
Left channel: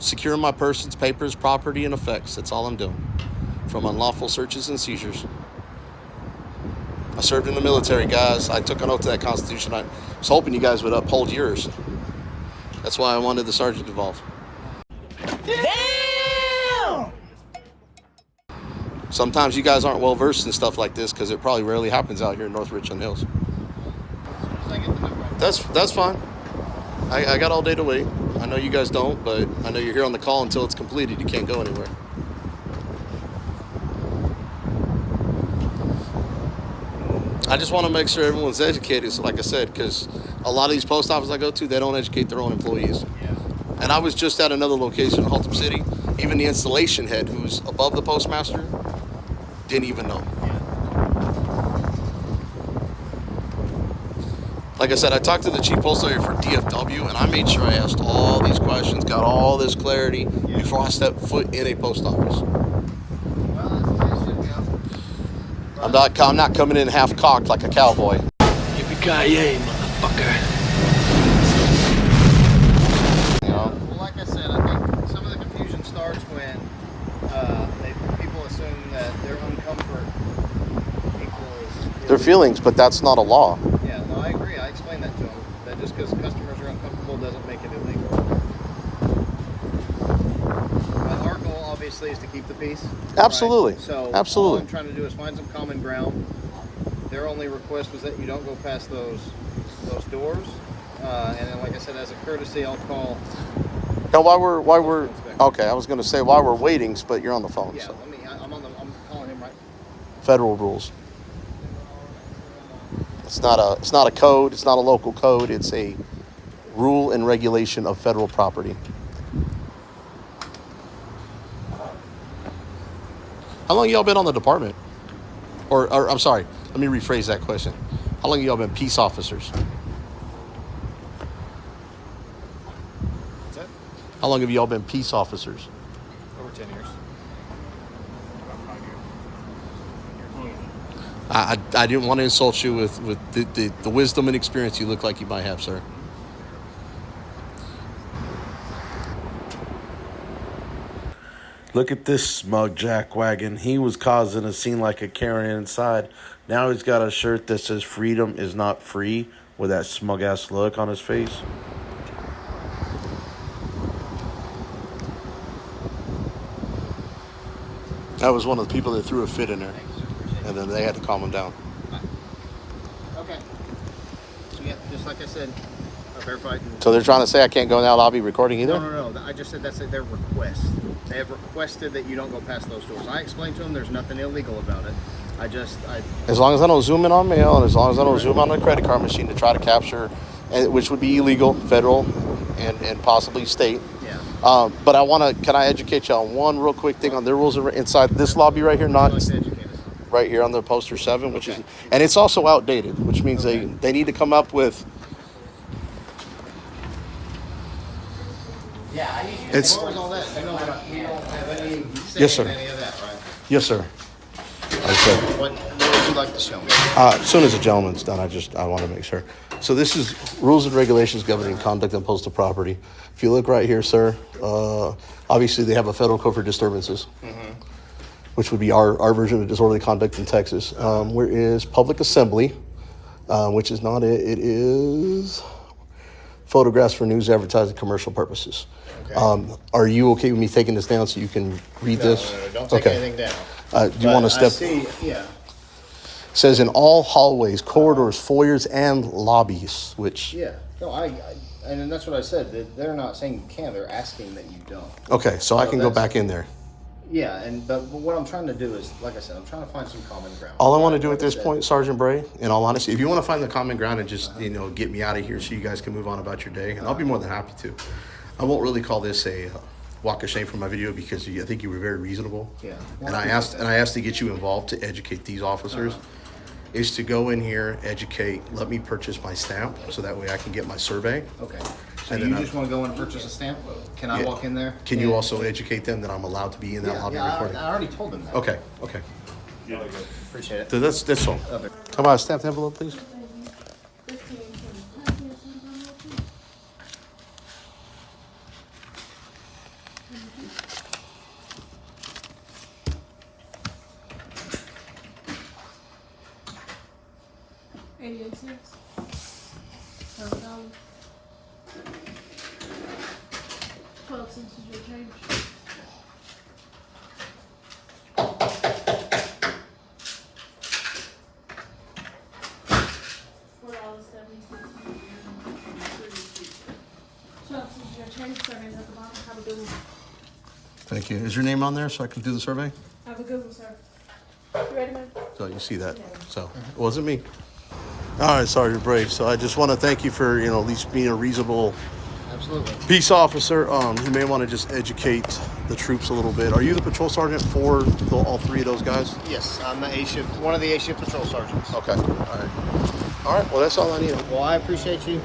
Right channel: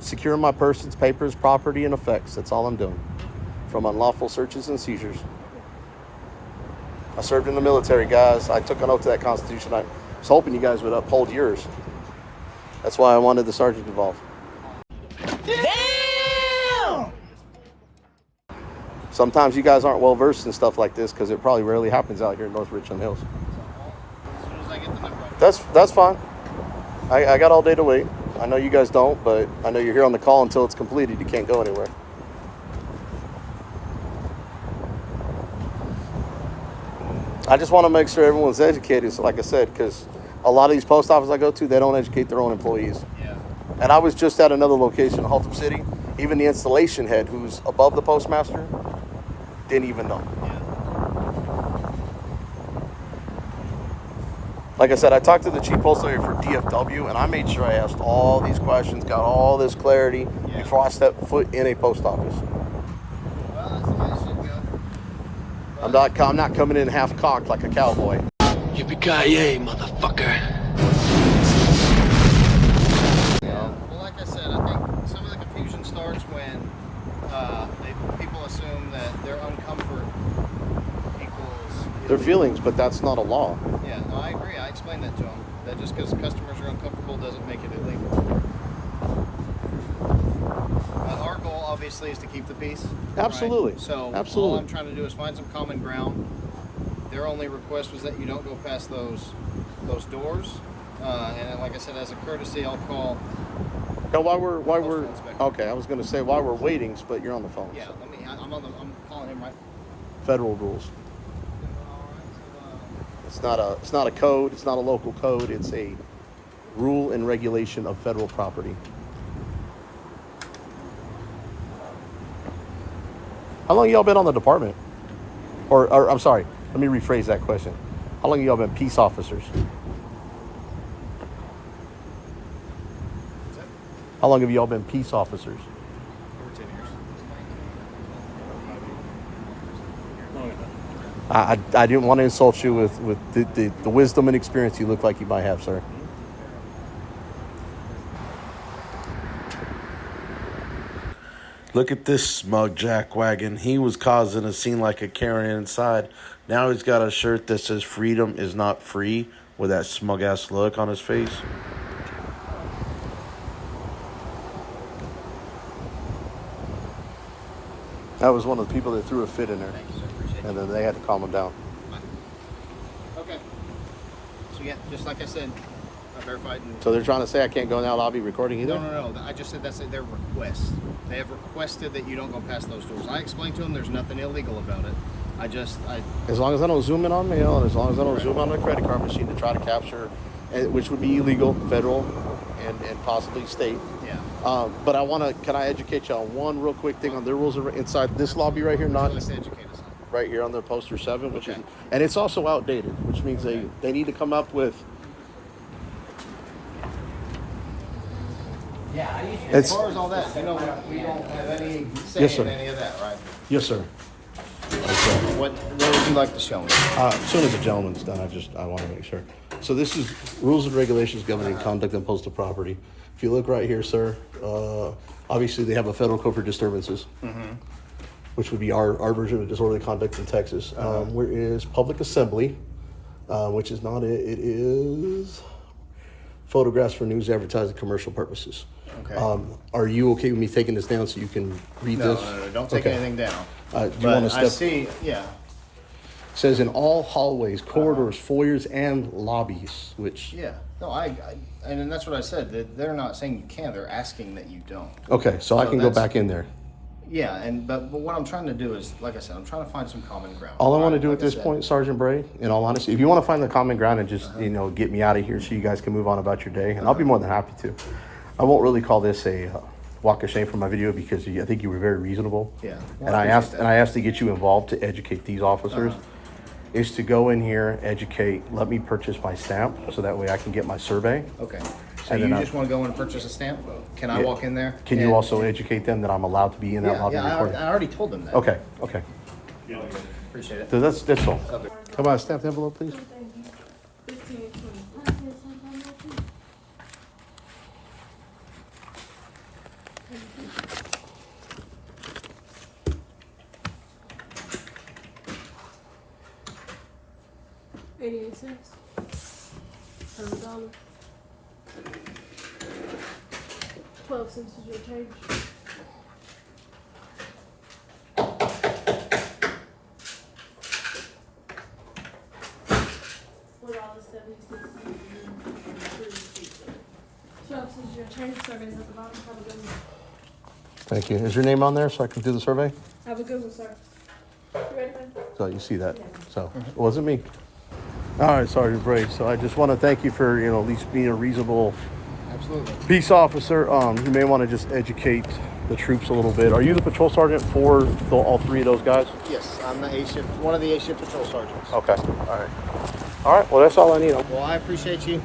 secure my persons, papers, property, and effects. That's all I'm doing. From unlawful searches and seizures. I served in the military, guys. I took an oath to that Constitution. I was hoping you guys would uphold yours. That's why I wanted the sergeant involved. Damn! Sometimes you guys aren't well versed in stuff like this because it probably rarely happens out here in North Richland Hills. As soon as I get the number. That's fine. I got all day to wait. I know you guys don't, but I know you're here on the call until it's completed. You can't go anywhere. I just want to make sure everyone's educated, so like I said, because a lot of these post offices I go to, they don't educate their own employees. Yeah. And I was just at another location in Haltom City. Even the installation head, who's above the postmaster, didn't even know. Yeah. Like I said, I talked to the chief postal area for DFW, and I made sure I asked all these questions, got all this clarity before I stepped foot in a post office. Well, that's the way it should go. I'm not coming in half cocked like a cowboy. Yippee-ki-yay, motherfucker. You know? Well, like I said, I think some of the confusion starts when people assume that their uncomfort equals Their feelings, but that's not a law. Yeah, no, I agree. I explained that to them. That just because customers are uncomfortable doesn't make it illegal. But our goal, obviously, is to keep the peace. Absolutely. Right? So absolutely. all I'm trying to do is find some common ground. Their only request was that you don't go past those doors. And then, like I said, as a courtesy, I'll call. Now, while we're okay, I was going to say while we're waiting, but you're on the phone. Yeah, so. I'm calling him right. Federal rules. It's not a code. It's not a local code. It's a rule and regulation of federal property. How long y'all been on the department? Or I'm sorry, let me rephrase that question. How long y'all been peace officers? What's that? How long have y'all been peace officers? Over 10 years. About 5 years. Longer than that. I didn't want to insult you with the wisdom and experience you look like you might have, sir. Look at this smug jackwagon. He was causing a scene like a Karen inside. Now he's got a shirt that says freedom is not free with that smug ass look on his face. That was one of the people that threw a fit in there. Thank you, sir. Appreciate it. And then they had to calm him down. Okay. So yeah, just like I said, I verified. So they're trying to say I can't go in that lobby recording either? No. I just said that's their request. They have requested that you don't go past those doors. I explained to them there's nothing illegal about it. As long as I don't zoom in on mail, and as long as I don't zoom on a credit card machine to try to capture, which would be illegal, federal, and possibly state. Yeah. But can I educate you on one real quick thing on their rules inside this lobby right here, not right here on the poster 7, which is, and it's also outdated, which means they need to come up with. Yeah, as far as all that, I know we don't have any say Yes, sir. in any of that, right? Yes, sir. What would you like to show me? As soon as the gentleman's done, I want to make sure. So this is rules and regulations governing conduct on postal property. If you look right here, sir, obviously they have a federal code for disturbances, which would be our version of disorderly conduct in Texas. Where is public assembly, which is not it. It is photographs for news, advertising, commercial purposes. Okay. Are you okay with me taking this down so you can read this? No, don't take anything down. Do you want to step? I see, yeah. Says in all hallways, corridors, foyers, and lobbies, which... Yeah, no, and that's what I said. They're not saying you can, they're asking that you don't. Okay, so I can go back in there. Yeah, but what I'm trying to do is, like I said, I'm trying to find some common ground. All I want to do at this point, Sergeant Bray, in all honesty, if you want to find the common ground and just, get me out of here so you guys can move on about your day, and I'll be more than happy to. I won't really call this a walk of shame for my video because I think you were very reasonable. Yeah. And I asked to get you involved to educate these officers. Is to go in here, educate, let me purchase my stamp so that way I can get my survey. Okay. So And you then just want to go and purchase a stamp? Can I walk in there? Can you also educate them that I'm allowed to be in that lobby recording? I already told them that. Okay. Appreciate it. So that's all. Come on, stamp the envelope, please. $0.88. $7. 12 cents is your change. Have a good one. Thank you. Is your name on there so I can do the survey? Have a good one, sir. You ready, man? So you see that. So it wasn't me. All right, Sergeant Bray. So I just want to thank you for, at least being a reasonable peace officer. You may want to just educate the troops a little bit. Are you the patrol sergeant for all three of those guys? Yes, I'm the A shift, one of the A shift patrol sergeants. Okay. All right. All right. Well, that's all I need. Well, I appreciate you.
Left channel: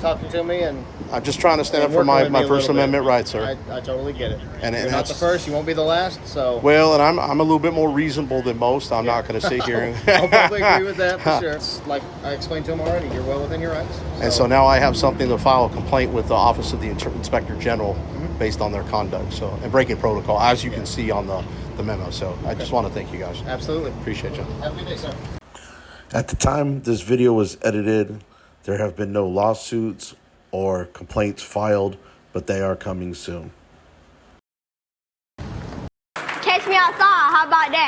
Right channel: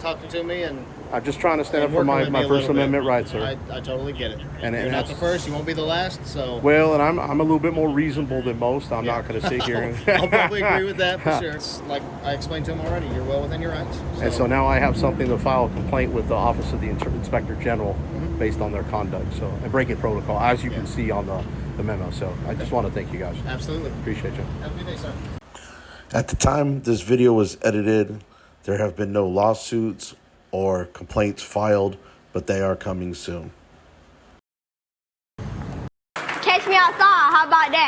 Talking to me, and I'm just trying to stand up for my First Amendment rights, sir. I totally get it. And you're not the first, you won't be the last. So well, and I'm a little bit more reasonable than most. I'm not going to sit here. And I'll probably agree with that for sure. It's like I explained to him already, you're well within your rights. And so now I have something to file a complaint with the Office of the Inspector General based on their conduct. So and breaking protocol, as you can see on the memo. So I just want to thank you guys. Absolutely. Appreciate you. Have a good day, sir. At the time this video was edited, there have been no lawsuits or complaints filed, but they are coming soon. Catch me outside, how about that?